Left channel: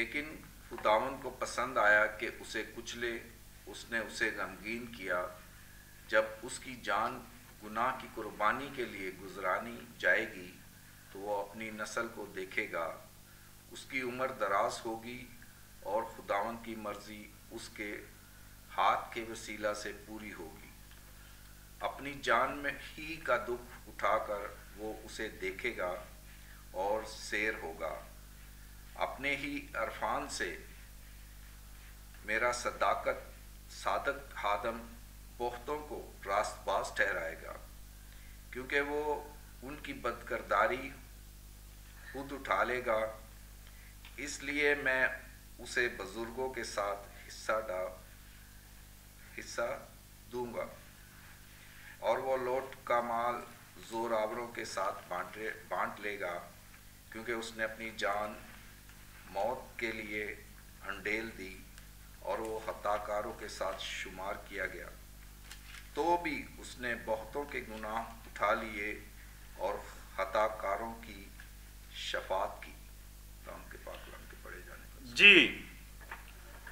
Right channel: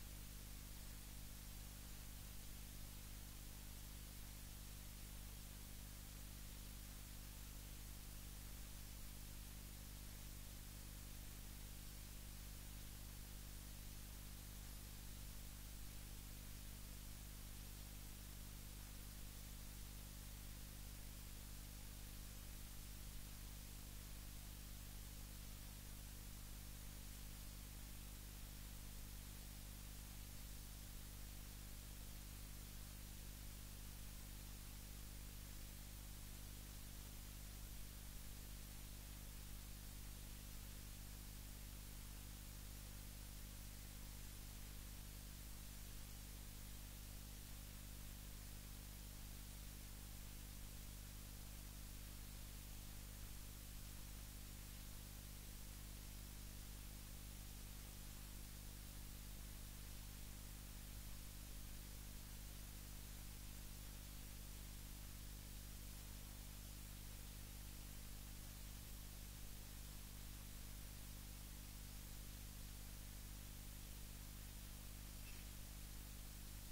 लेकिन खुदावन को पसंद आया कि उसे कुचले। उसने उसे गमगीन किया। जब उसकी जान गुनाह की कुर्बानी के लिए गुजरानी जाएगी तो वो अपनी नस्ल को देखेगा। उसकी उम्र दराज होगी और खुदावन की मर्जी उसके हाथ के वसीला से पूरी होगी। अपनी जान में ही का दुख उठाकर वो उसे देखेगा और सैर होगा। अपने ही अरफान से मेरा सादक खादम बहुतों को रास्तबाज ठहराएगा, क्योंकि वो उनकी बदकिरदारी खुद उठा लेगा। इसलिए मैं उसे बुजुर्गों के साथ हिस्सा दूंगा और वो लौट का माल जोरावरों के साथ बांट लेगा, क्योंकि उसने अपनी जान मौत के लिए अंडेल दी और वो खताकारों के साथ शुमार किया गया। तो भी उसने बहुतों के गुनाह उठा लिए और खताकारों की शफात की। के पाक के पढ़े जाने जी,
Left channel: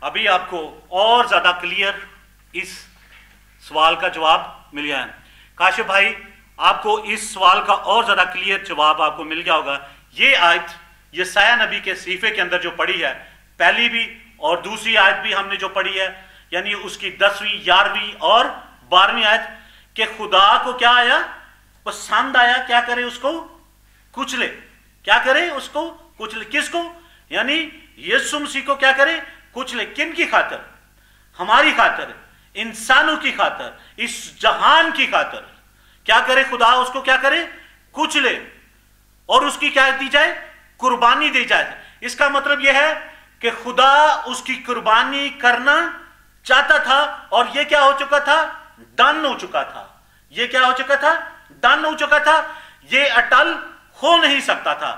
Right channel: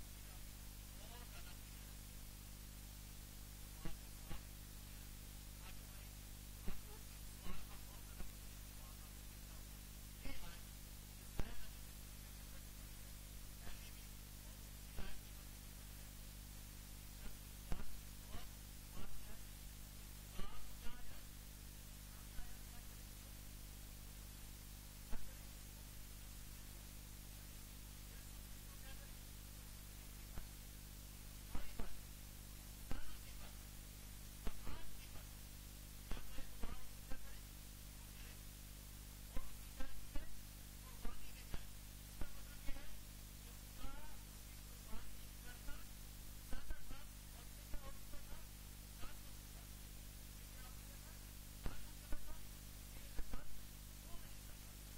अभी आपको और ज्यादा क्लियर इस सवाल का जवाब मिल गया है। काशिफ भाई, आपको इस सवाल का और ज्यादा क्लियर जवाब आपको मिल गया होगा। ये आयत यशायाह नबी के सहीफे के अंदर जो पढ़ी है, पहली भी और दूसरी आयत भी हमने जो पढ़ी है, यानी उसकी 10वीं 11वीं और 12वीं आयत, कि खुदा को क्या आया, पसंद आया, क्या करे, उसको कुचले। क्या करे, उसको कुचले। किसको? यानी यीशु मसीह को क्या करे, कुचले। किन की खातर? हमारी खातर, इंसानों की खातर, इस जहान की खातर। क्या करे खुदा, उसको क्या करे, कुचले, और उसकी क्या दी जाए, कुर्बानी दी जाए। इसका मतलब यह है कि खुदा उसकी कुर्बानी करना चाहता था और यह क्या हो चुका था, डन हो चुका था। यह क्या हो चुका था, डन हो चुका था। यह अटल हो नहीं सकता था,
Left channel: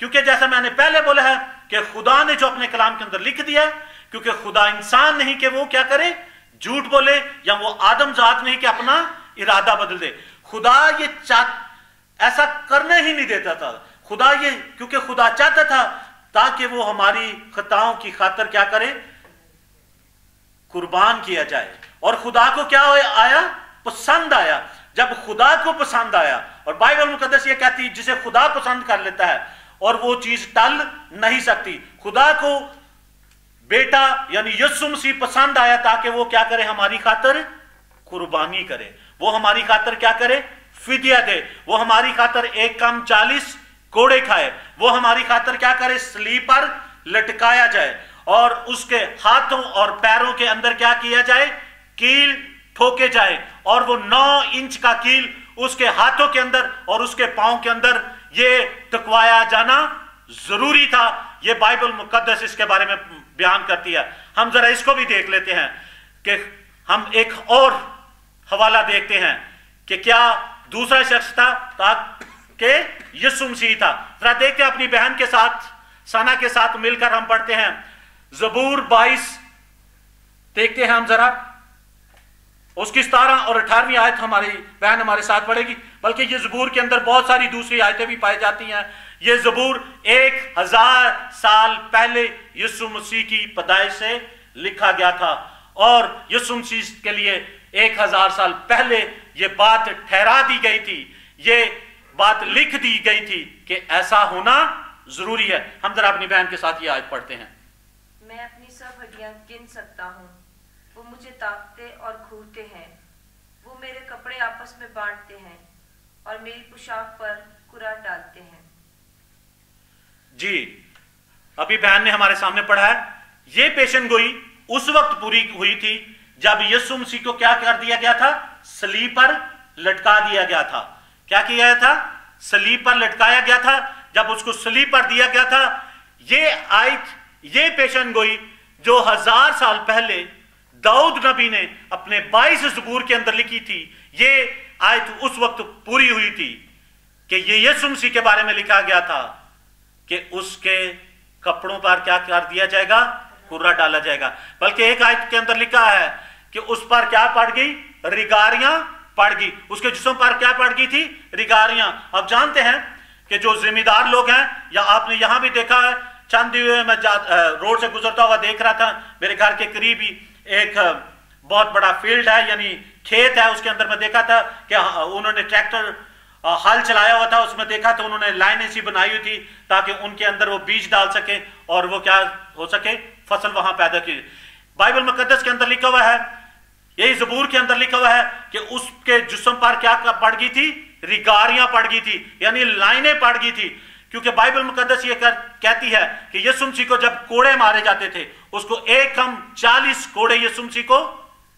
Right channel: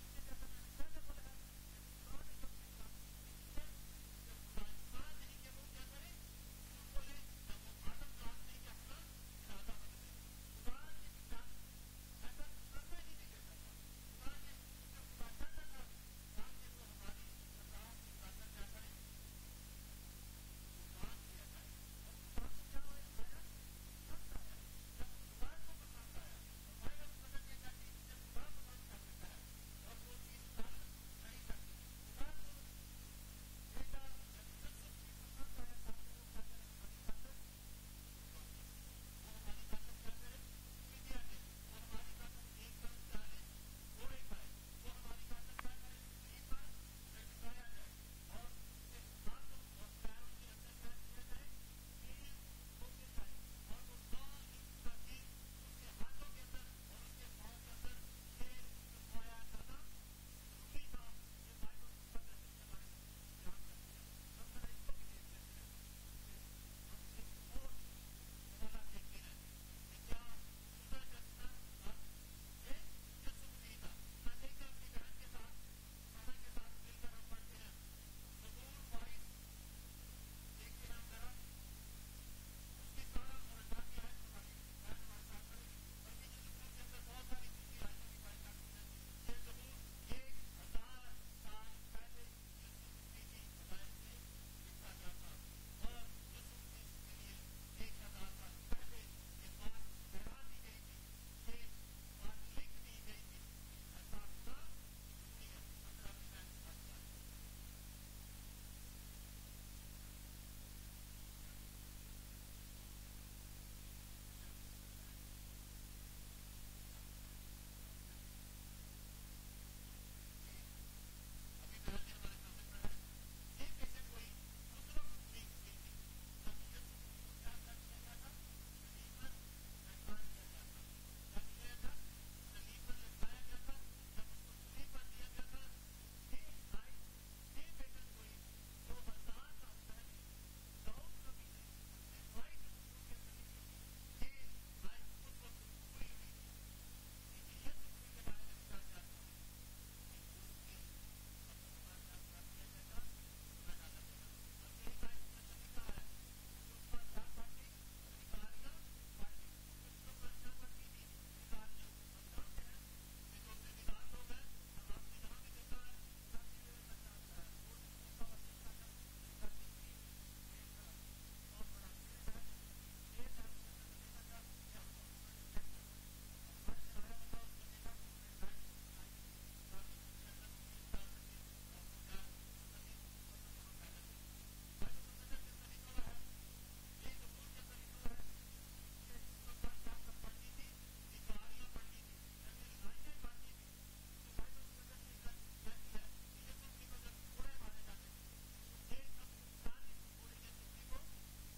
क्योंकि जैसा मैंने पहले बोला है कि खुदा ने जो अपने कलाम के अंदर लिख दिया, क्योंकि खुदा इंसान नहीं कि वो क्या करे, झूठ बोले, या वो आदम जात नहीं कि अपना इरादा बदल दे। खुदा ये ऐसा करने ही नहीं देता था। खुदा ये, क्योंकि खुदा चाहता था ताकि वो हमारी खताओं की खातर क्या करे, कुर्बान किया जाए। और खुदा को क्या आया, पसंद आया। जब खुदा को पसंद आया, और बाइबल मुकद्दस ये कहती है जिसे खुदा पसंद कर लेता है और वो चीज टल नहीं सकती। खुदा को बेटा यानी यीशु मसीह पसंद आया ताकि वो क्या करे, हमारी खातर कुर्बानी करे। वो हमारी खातर क्या करे, फिदिया दे। वो हमारी खातर 1 कम 40 कोड़े खाए। वो हमारी खातर क्या करे, सलीब पर लटकाया जाए और उसके हाथों और पैरों के अंदर क्या किया जाए, कील ठोके जाए। और वो 9 इंच का कील उसके हाथों के अंदर और उसके पांव के अंदर ये टकवाया जाना जरूरी था। ये बाइबल मुकद्दस इसके बारे में बयान करती है। हम जरा इसको भी देख लेते हैं कि हम एक और हवाला देखते हैं कि क्या दूसरा शख्स था ताकि यीशु मसीह था। जरा देखते हैं अपनी बहन के साथ, सना के साथ मिलकर हम पढ़ते हैं ज़बूर 22 देखते हैं हम जरा। उसकी 17 और 18वीं आयत हमारी बहन हमारे साथ पढ़ेगी। बल्कि ये ज़बूर के अंदर बहुत सारी दूसरी आयतें भी पाई जाती हैं। ये ज़बूर 1000 साल पहले यीशु मसीह की पैदाइश से लिखा गया था और यीशु मसीह के लिए 1000 साल पहले ये बात ठहरा दी गई थी, ये बात लिख दी गई थी कि ऐसा होना जरूरी है। हम जरा अपनी बहन के साथ ये आयत पढ़ते हैं। मैं अपनी सब हड्डियां गिन सकता हूँ, वो मुझे ताकते और घूरते हैं। वो मेरे कपड़े आपस में बांटते हैं और मेरी पोशाक पर कुरा डालते हैं। जी, अभी बहन ने हमारे सामने पढ़ा है, ये पेशन गोई उस वक्त पूरी हुई थी जब यीशु मसीह को क्या कर दिया गया था, सलीब पर लटका दिया गया था। क्या किया गया था, सलीब पर लटकाया गया था। जब उसको सलीब पर दिया गया था, ये आयत, ये पेशन गोई जो 1000 साल पहले दाऊद नबी ने अपने 22 ज़बूर के अंदर लिखी थी, ये आयत उस वक्त पूरी हुई थी कि ये यीशु मसीह के बारे में लिखा गया था कि उसके कपड़ों पर क्या कर दिया जाएगा, कुरा डाला जाएगा। बल्कि एक आयत के अंदर लिखा है कि उस पर क्या पड़ गई, रिगारियां पड़ गई। उसके जिस्म पर क्या पड़ गई थी, रिगारियां। अब जानते हैं कि जो जिम्मेदार लोग हैं, या आपने यहां भी देखा है चांदते हुए मैं रोड से गुजरता हुआ देख रहा था, मेरे घर के करीब ही एक बहुत बड़ा फील्ड है, यानी खेत है, उसके अंदर मैं देखा था कि उन्होंने ट्रैक्टर हल चलाया हुआ था, उसमें देखा तो उन्होंने लाइन ऐसी बनाई हुई थी ताकि उनके अंदर वो बीज डाल सके और वो क्या हो सके, फसल वहां पैदा की। बाइबल मुकद्दस के अंदर लिखा हुआ है, यही ज़बूर के अंदर लिखा हुआ है कि उसके जिस्म पर क्या पड़ गई थी, रिगारियां पड़ गई थी, यानी लाइनें पड़ गई थी। क्योंकि बाइबल मुकद्दस ये कहती है कि यीशु मसीह को जब कोड़े मारे जाते थे, उसको एक कम 40 कोड़े यीशु मसीह को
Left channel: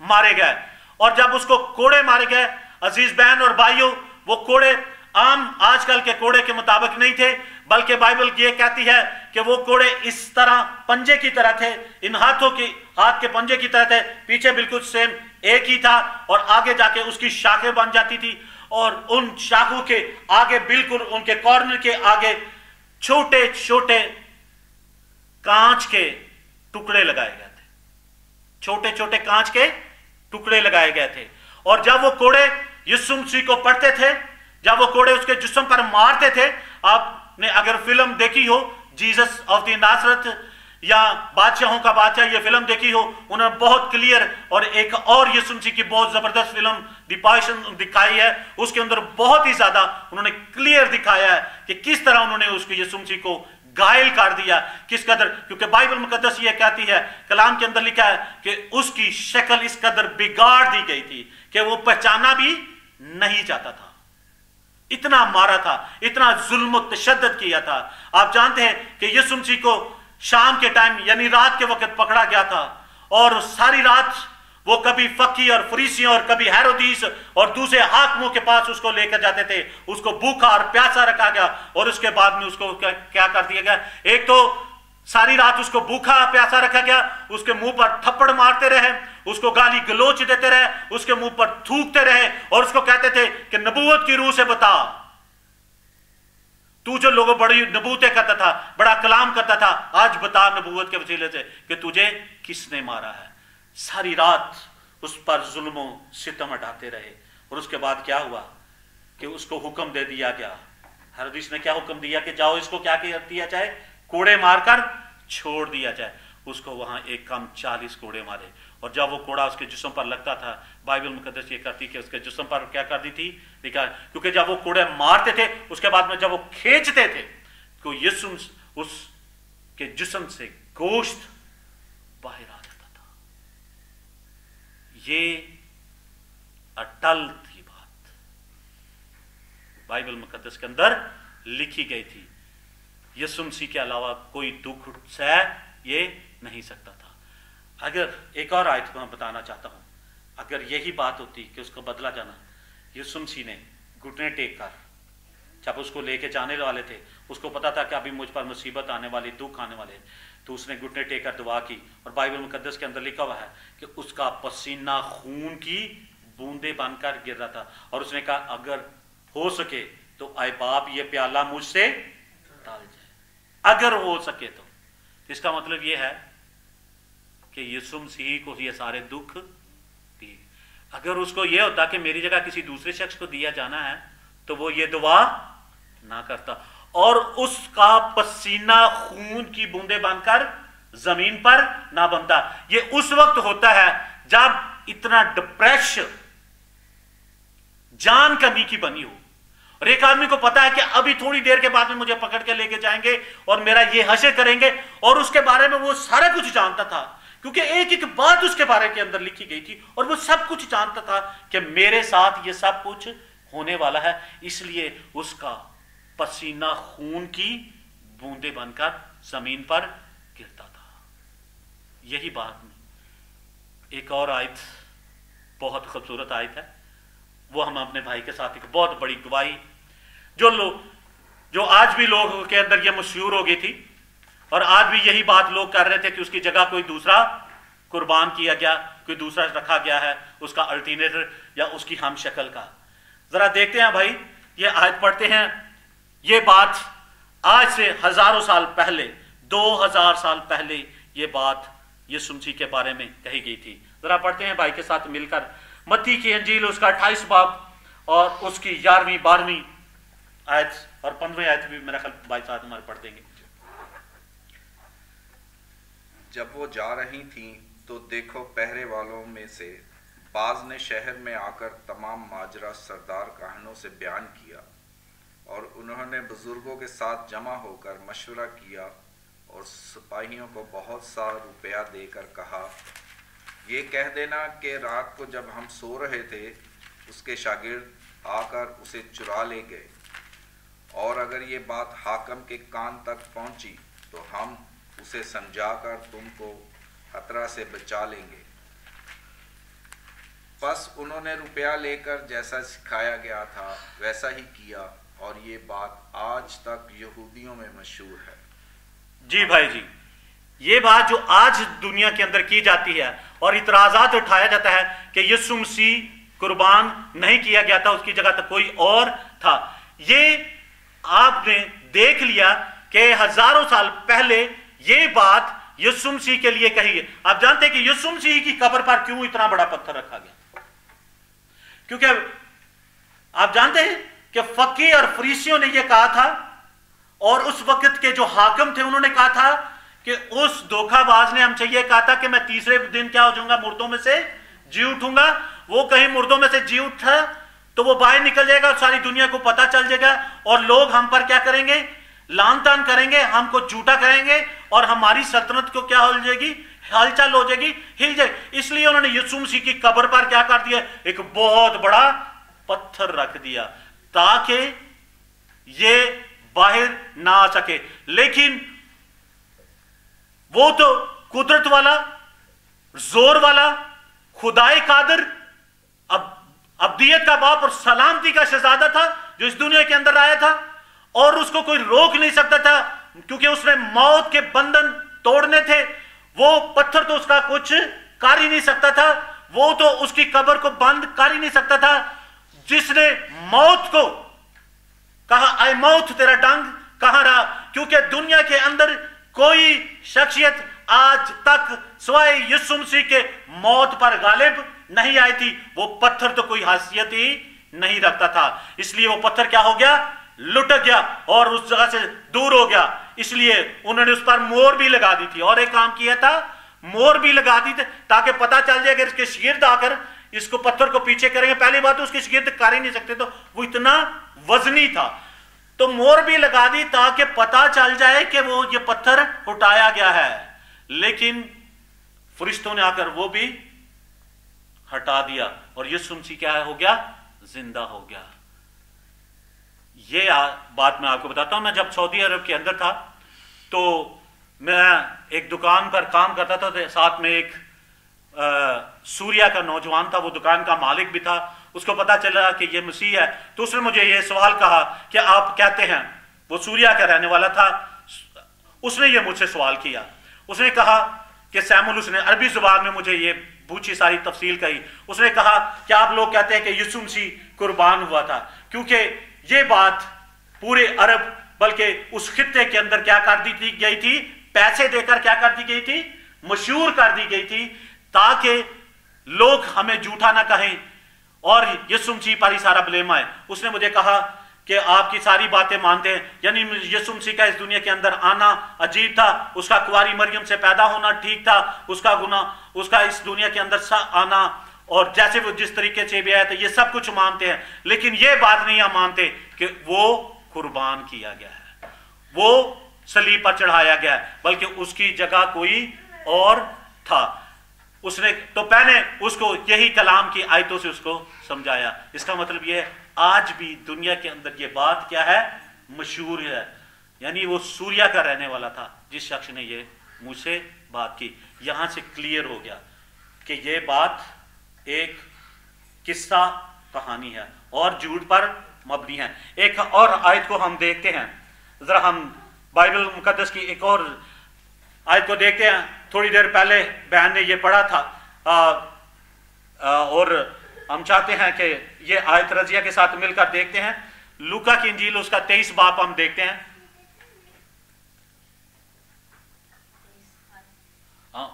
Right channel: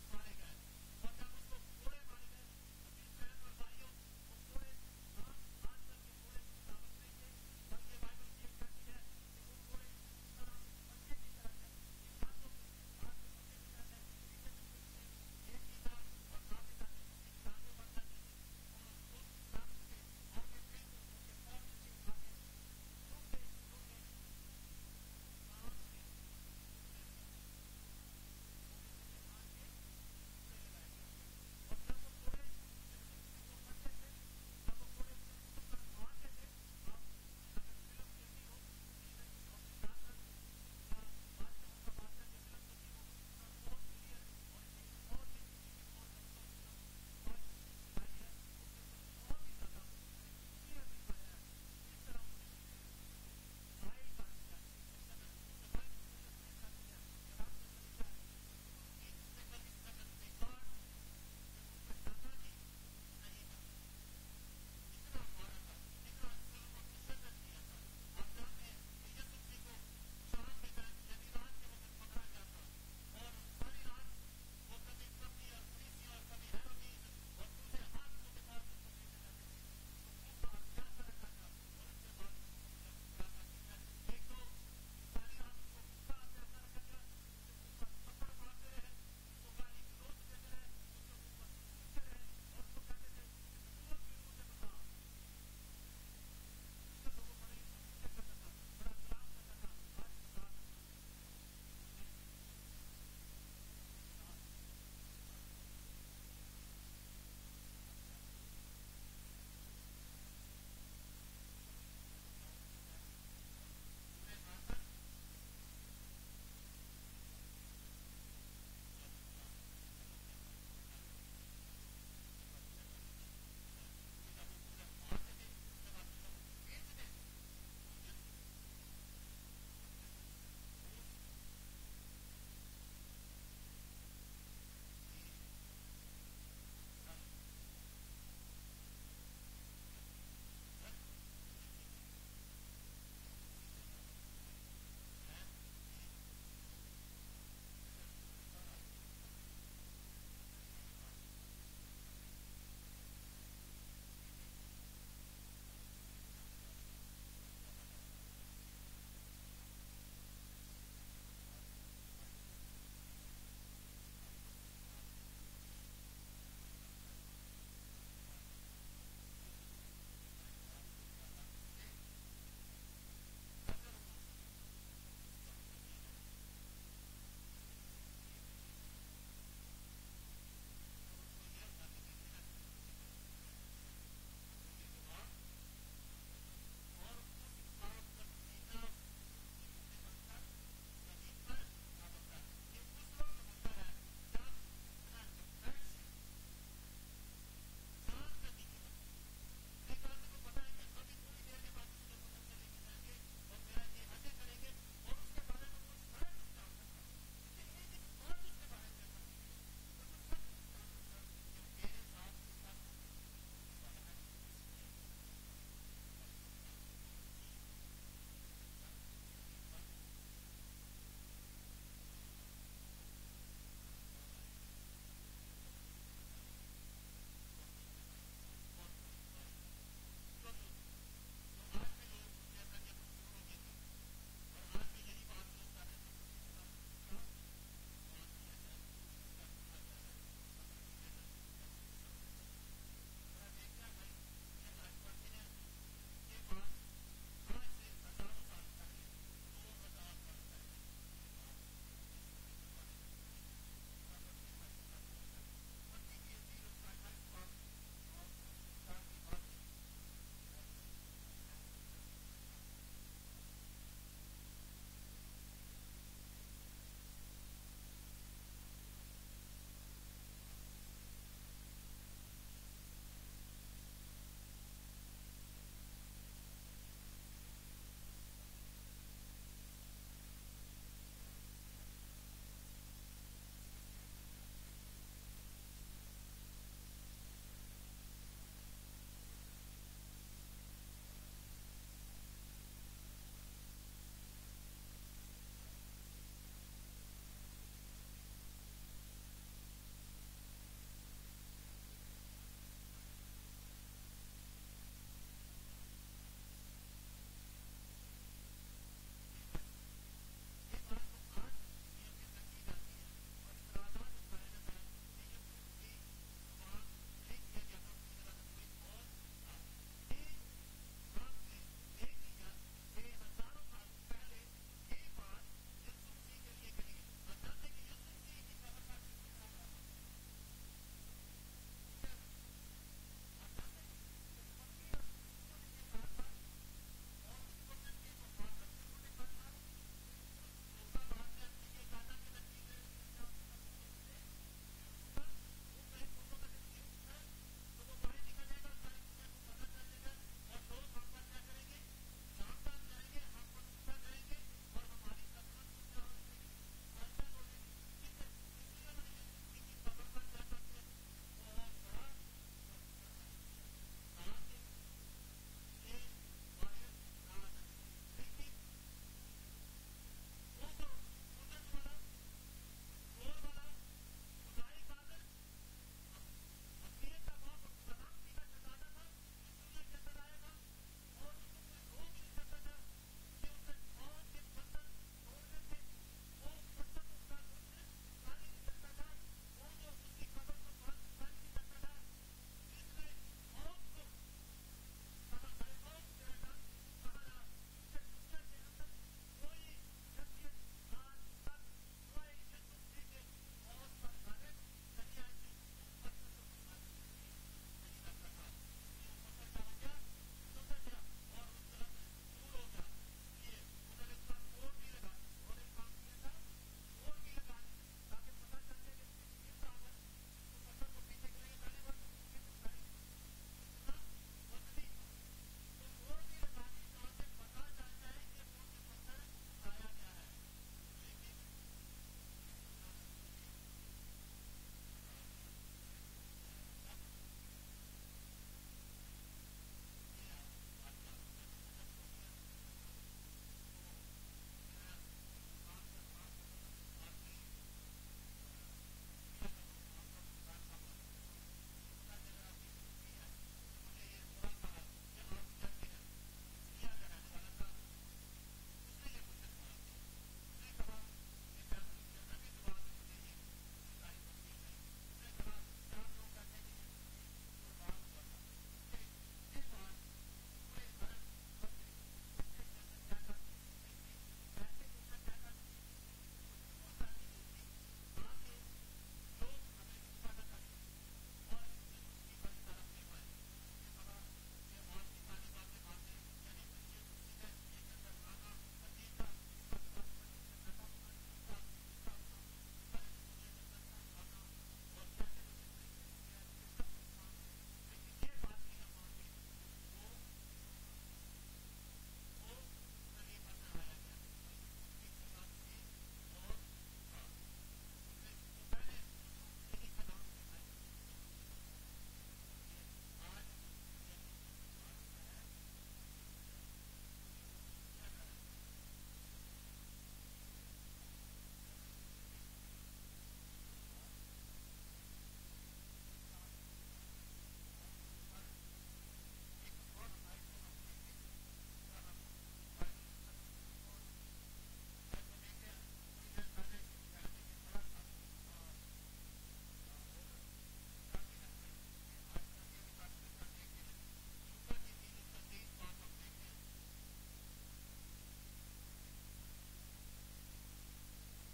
मारे गए। और जब उसको कोड़े मारे गए, अजीज बहन और भाइयों, वो कोड़े आम आजकल के कोड़े के मुताबिक नहीं थे, बल्कि बाइबल ये कहती है कि वो कोड़े इस तरह पंजे की तरह थे, इन हाथ के पंजे की तरह थे, पीछे बिल्कुल सेम एक ही था और आगे जाके उसकी शाखें बन जाती थी और उन शाखों के आगे बिल्कुल उनके कॉर्नर के आगे छोटे छोटे कांच के टुकड़े लगाए गए थे, छोटे छोटे कांच के टुकड़े लगाए गए थे। और जब वो कोड़े यीशु मसीह को पड़ते थे, जब वो कोड़े उसके जिस्म पर मारते थे, आपने अगर फिल्म देखी हो जीसस ऑफ द नासरत या बादशाहों का बादशाह, ये फिल्म देखी हो, उन्होंने बहुत क्लियर, और एक और यीशु मसीह की बहुत जबरदस्त फिल्म द पैशन दिखाई है, उसके अंदर बहुत ही ज्यादा उन्होंने क्लियर दिखाया है कि किस तरह उन्होंने उसको यीशु मसीह को घायल कर दिया, किस कदर। क्योंकि बाइबल मुकद्दस ये कहती है, कलाम के अंदर लिखा है कि उसकी शक्ल इस कदर बिगाड़ दी गई थी कि वो पहचाना भी नहीं जाता था, इतना मारा था, इतना जुल्म तशद्दुद किया था। आप जानते हैं कि यीशु मसीह को शाम के टाइम यानी रात के वक्त पकड़ा गया था और सारी रात वो कभी फकी और फरीसियों और कभी हेरोदीस और दूसरे हाकिमों के पास उसको लेकर जाते थे, उसको भूखा और प्यासा रखा गया और उसके बाद में उसको क्या कर दिया गया, एक तो सारी रात उसको भूखा प्यासा रखा गया, उसके मुंह पर थप्पड़ मारते रहे, उसको गाली गलोच देते रहे, उसके मुंह पर थूकते रहे और उसको कहते थे कि नबूवत की रूह से बता, तू जो लोगों बड़ी नबूतें करता था, बड़ा कलाम करता था, आज बता नबूवत के वसीले से कि तुझे किसने मारा है। सारी रात उस पर जुल्म सितम हटाते रहे और उसके बाद क्या हुआ कि उसको हुक्म दे दिया गया, हेरोदिस ने क्या हुक्म दिया कि जाओ इसको क्या दिया जाए, कोड़े मारकर छोड़ दिया जाए। उसको वहां एक कम 40 कोड़े मारे और जब वो कोड़ा उसके जिस्म पर लगता था, बाइबल मुकद्दस ये कहती कि उसके जिस्म पर क्या कर दी थी, देखा, क्योंकि जब वो कोड़े मारते थे उसके बाद में जब वो खींचते थे तो यीशु उसके जिस्म से गोश्त बाहर आ जाता था। ये अटल थी बात, बाइबल मुकद्दस के अंदर लिखी गई थी। यीशु मसीह के अलावा कोई दुख सह ये नहीं सकता था। अगर एक और आयत मैं बताना चाहता हूं, अगर यही बात होती कि उसको बदला जाना, यीशु मसीह ने घुटने टेक कर जब उसको लेके जाने वाले थे, उसको पता था कि अभी मुझ पर मुसीबत आने वाली, दुख आने वाले, तो उसने घुटने टेक कर दुआ की और बाइबल मुकद्दस के अंदर लिखा हुआ है कि उसका पसीना खून की बूंदे बनकर गिर रहा था और उसने कहा अगर हो सके तो आए बाप ये प्याला मुझसे टाल जाए, अगर हो सके तो। इसका मतलब ये है कि यीशु मसीह को ये सारे दुख दिए। अगर उसको ये होता कि मेरी जगह किसी दूसरे शख्स को दिया जाना है तो वो ये दुआ ना करता और उसका पसीना खून की बूंदे बनकर जमीन पर ना बनता। ये उस वक्त होता है जब इतना डिप्रेशन, जान कमी की बनी हो और एक आदमी को पता है कि अभी थोड़ी देर के बाद में मुझे पकड़ के लेके जाएंगे और मेरा ये हश्र करेंगे, और उसके बारे में वो सारा कुछ जानता था क्योंकि एक एक बात उसके बारे के अंदर लिखी गई थी और वो सब कुछ जानता था कि मेरे साथ ये सब कुछ होने वाला है, इसलिए उसका पसीना खून की बूंदे बनकर जमीन पर गिरता था। यही बात एक और आयत, बहुत खूबसूरत आयत है, वो हम अपने भाई के साथ एक बहुत बड़ी गवाही जो आज भी लोगों के अंदर ये मशहूर हो गई थी और आज भी यही बात लोग कर रहे थे कि उसकी जगह कोई दूसरा कुर्बान किया गया, कोई दूसरा रखा गया है, उसका अल्टरनेटर या उसकी हम शक्ल का। जरा देखते हैं भाई, ये आयत पढ़ते हैं। ये बात आज से हजारों साल पहले, 2000 साल पहले ये बात यीशु मसीह के बारे में कही गई थी। जरा पढ़ते हैं भाई के साथ मिलकर मत्ती की अंजील उसका 28 बाब और उसकी 11वीं 12वीं आयत और 15वीं आयत भी मेरा ख्याल भाई साथ हमारे पढ़ देंगे। जब वो जा रही थीं तो देखो पहरे वालों में से बाज ने शहर में आकर तमाम माजरा सरदार काहनों से बयान किया, और उन्होंने बुजुर्गों के साथ जमा होकर मशवरा किया और सिपाहियों को बहुत सा रुपया देकर कहा, ये कह देना कि रात को जब हम सो रहे थे उसके शागिर्द आकर उसे चुरा ले गए, और अगर ये बात हाकम के कान तक पहुंची तो हम उसे समझाकर तुमको खतरा से बचा लेंगे। बस उन्होंने रुपया लेकर जैसा सिखाया गया था वैसा ही किया, और ये बात आज तक यहूदियों में मशहूर है। जी भाई जी, ये बात जो आज दुनिया के अंदर की जाती है और इतराजात उठाया जाता है कि यीशु मसीह कुर्बान नहीं किया गया था, उसकी जगह तो कोई और था, ये आपने देख लिया कि हजारों साल पहले ये बात यीशु मसीह के लिए कही है। आप जानते हैं कि यीशु मसीह की कब्र पर क्यों इतना बड़ा पत्थर रखा गया? क्योंकि आप जानते हैं कि फकीह और फरीसियों ने यह कहा था, और उस वक्त के जो हाकिम थे उन्होंने कहा था कि उस धोखाबाज ने हमसे यह कहा था कि मैं तीसरे दिन क्या हो जाऊंगा, मुर्दों में से जी उठूंगा। वो कहीं मुर्दों में से जी उठा तो वो बाहर निकल जाएगा और सारी दुनिया को पता चल जाएगा, और लोग हम पर क्या करेंगे, लान तान करेंगे, हमको झूठा करेंगे, और हमारी सल्तनत को क्या हो जाएगी, हलचल हो जाएगी, हिल जाएगी। इसलिए उन्होंने यीशु मसीह की कब्र पर क्या कर दिया, एक बहुत बड़ा पत्थर रख दिया ताकि ये बाहर ना आ सके। लेकिन वो तो कुदरत वाला, जोर वाला, खुदाई कादर, अब्दियत का बाप और सलामती का शहजादा था जो इस दुनिया के अंदर आया था, और उसको कोई रोक नहीं सकता था क्योंकि उसने मौत के बंधन तोड़ने थे। वो पत्थर तो उसका कुछ कर ही नहीं सकता था, वो तो उसकी कब्र को बंद कर ही नहीं सकता था। जिसने मौत को कहा, आए मौत तेरा डंग कहां रहा, क्योंकि दुनिया के अंदर कोई शख्सियत आज तक सिवाय यीशु मसीह के मौत पर गालिब नहीं आई थी। वो पत्थर तो कोई हैसियत ही नहीं रखता था, इसलिए वो पत्थर क्या हो गया, लुटक गया और उस जगह से दूर हो गया। इसलिए उन्होंने उस पर मोहर भी लगा दी थी, और एक काम किया था, मोहर भी लगा दी थी ताकि पता चल जाए कि इसके शागिर्द आकर इसको पत्थर को पीछे करेंगे। पहली बात तो उसके शागिर्द कर ही नहीं सकते, तो वो इतना वजनी था, तो मोहर भी लगा दी ताकि पता चल जाए कि वो ये पत्थर उठाया गया है। लेकिन फरिश्तों ने आकर वो भी हटा दिया, और यीशु मसीह क्या हो गया, जिंदा हो गया। ये बात मैं आपको बताता हूं। मैं जब सऊदी अरब के अंदर था तो मैं एक दुकान पर काम करता था, तो साथ में एक सूर्या का नौजवान था, वो दुकान का मालिक भी था। उसको पता चला कि ये मसीह है, तो उसने मुझे ये सवाल कहा कि आप कहते हैं, वो सूर्या का रहने वाला था, उसने ये मुझसे सवाल किया। उसने कहा कि सैमुल, उसने अरबी जुबान में मुझे ये पूछी, सारी तफसील कही। उसने कहा कि आप लोग कहते हैं कि यीशु मसीह कुर्बान हुआ था, क्योंकि ये बात पूरे अरब बल्कि उस खित्ते के अंदर क्या कर दी गई थी, पैसे देकर क्या कर दी गई थी, मशहूर कर दी गई थी, ताकि लोग हमें झूठा ना कहें और यीशु मसीह पर ही सारा ब्लेम आए। उसने मुझे कहा कि आपकी सारी बातें मानते हैं, यानी यीशु मसीह का इस दुनिया के अंदर आना अजीब था, उसका कुंवारी मरियम से पैदा होना ठीक था, उसका गुनाह, उसका इस दुनिया के अंदर आना, और जैसे वो जिस तरीके से भी आया था, ये सब कुछ मानते हैं। लेकिन ये बात नहीं हम मानते कि वो कुर्बान किया गया है, वो सलीब पर चढ़ाया गया है, बल्कि उसकी जगह कोई और था। उसने तो पहले उसको यही कलाम की आयतों से उसको समझाया। इसका मतलब यह है आज भी दुनिया के अंदर ये बात क्या है, मशहूर है। यानी वो सूर्या का रहने वाला था जिस शख्स ने ये मुझसे बात की। यहां से क्लियर हो गया कि ये बात एक किस्सा कहानी है और झूठ पर मबनी है। एक और आयत को हम देखते हैं, जरा हम बाइबल मुकद्दस की एक और आयत को देखते हैं। थोड़ी देर पहले बहन ने ये पढ़ा था और हम चाहते हैं कि ये आयत रजिया के साथ मिलकर देखते हैं। लूका की इंजील उसका 23 बाब हम देखते हैं।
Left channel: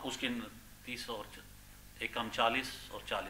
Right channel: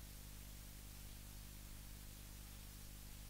उसकी 30 और एक हम 40 और 40